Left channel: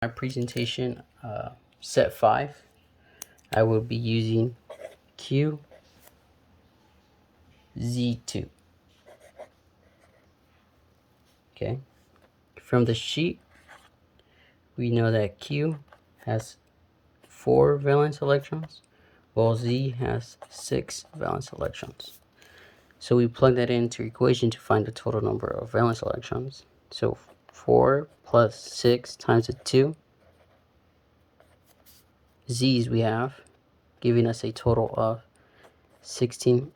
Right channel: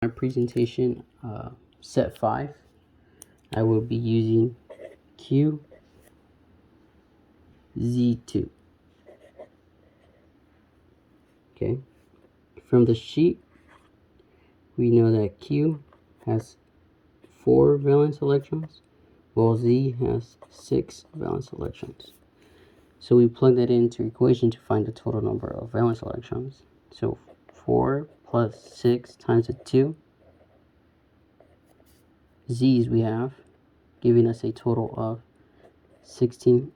My presentation, set 5, I will be using QZ2. Okay, from the sheet, we know that Q has 4 valence electrons, while Z has 6 valence electrons. So we plug that into equation to find the total number of valence electrons. So 4 plus 6 times the 2 Z's we have, giving us a total of 16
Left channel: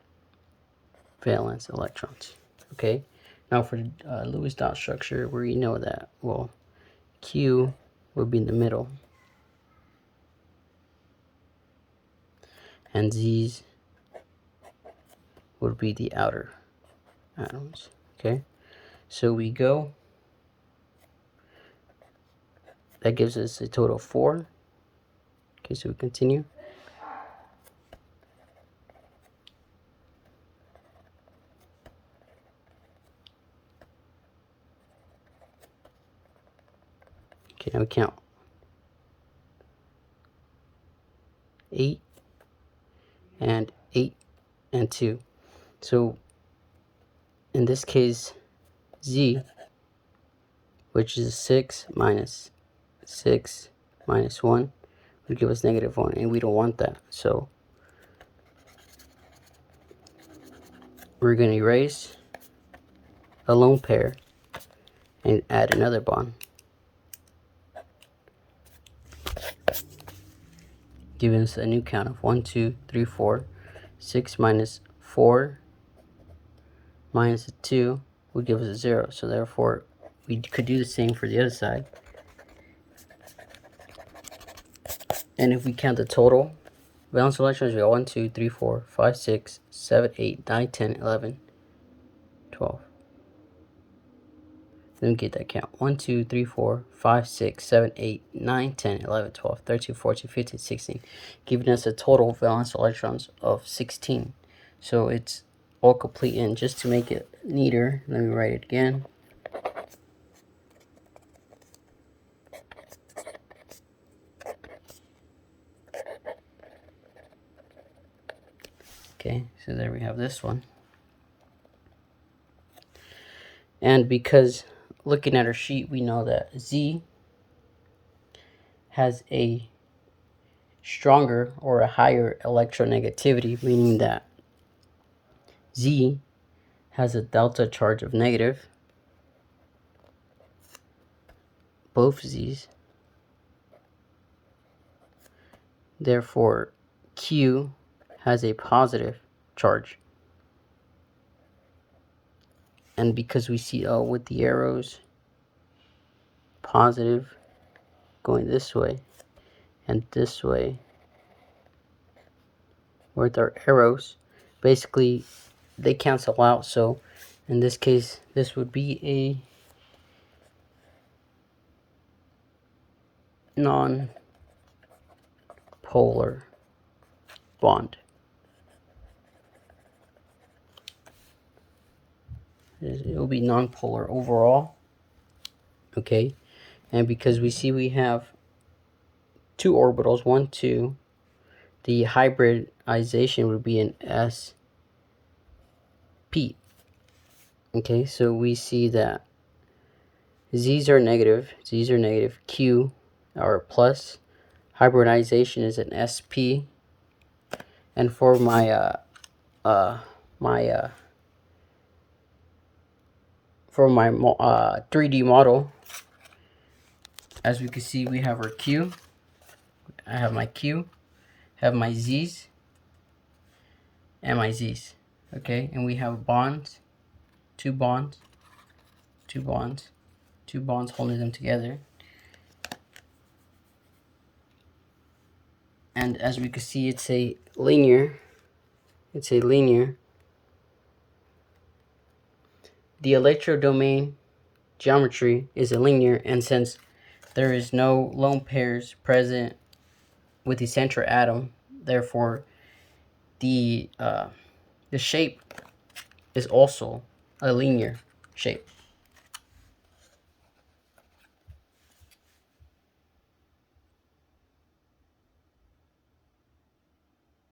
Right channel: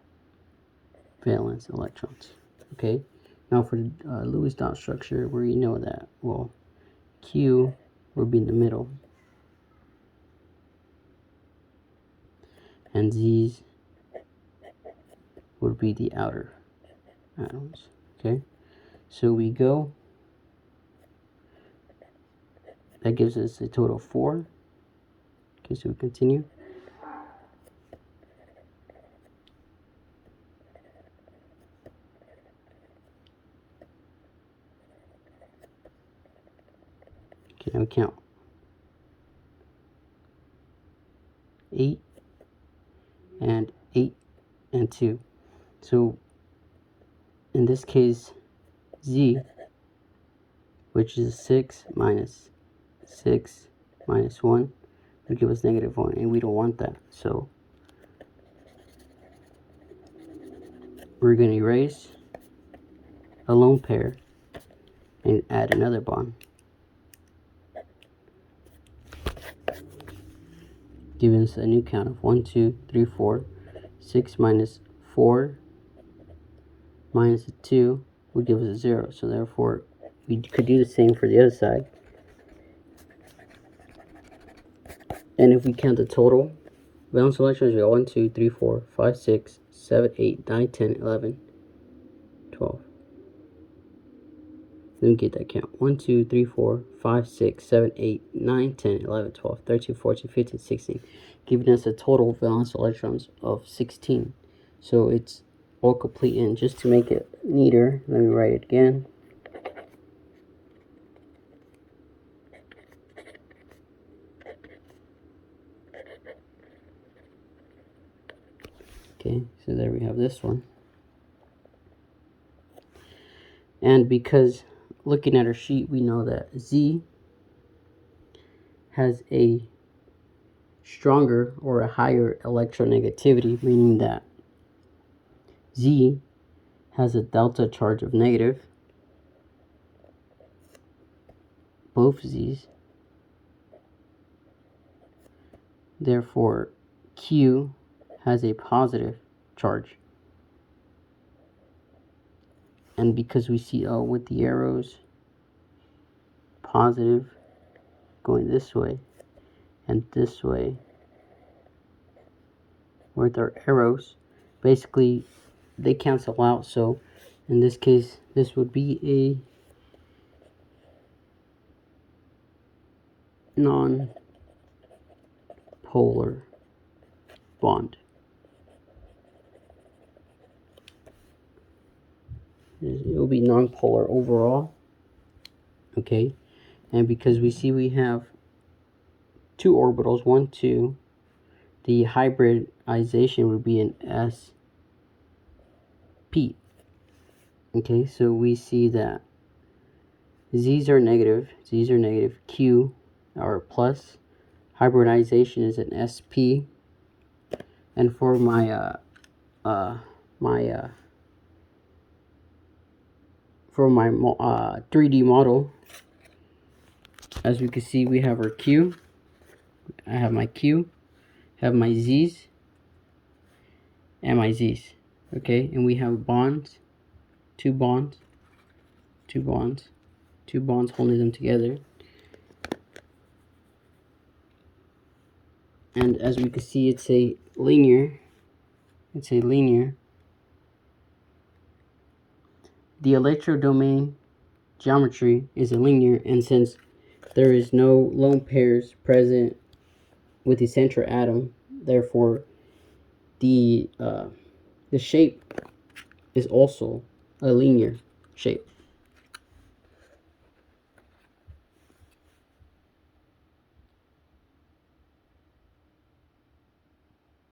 valence electrons. Okay, now for the Lewis dot structure, we know that, well, Q would be in the middle and Z's would be the outer atoms. Okay, so we go, that gives us a total of 4. Okay, so we continue. Okay, now we count 8 and 8 and 2. So in this case, Z, which is 6 minus 6 minus 1, would give us -1, and we don't want that. So we're going to erase a lone pair and add another bond, giving us a new count of 1, 2, 3, 4. 6 minus 4 minus 2 would give us a 0. So therefore, we could do the same for the other side. And if we count the total valence electrons, we got 1, 2, 3, 4, 5, 6, 7, 8, 9, 10, 11, 12. Let me get that count. 1, 2, 3, 4, 5, 6, 7, 8, 9, 10, 11, 12, 13, 14, 15, 16, giving us a total valence electrons of 16. So it's all complete. And just to make it neater, let me write it again. Okay, so there we have this one. And because looking at our sheet, we know that Z has a stronger or a higher electronegativity, meaning that Z has a delta charge of negative, both Z's. Therefore, Q has a positive charge. And because we see with the arrows, positive going this way and this way with our arrows, basically they cancel out. So in this case, this would be a non-polar bond. It will be non-polar overall. Okay, and because we see we have 2 orbitals, 1, 2, the hybridization would be an sp. Okay, so we see that Z's are negative, Q are plus, hybridization is an sp, and for my for my 3D model, as we can see, we have our Q, I have my Q, have my Z's, and my Z's. Okay, and we have bonds, 2 bonds, 2 bonds, 2 bonds holding them together. And as we can see, it's a linear. The electrodomain geometry is a linear, and since there is no lone pairs present with the central atom, therefore the shape is also a linear shape.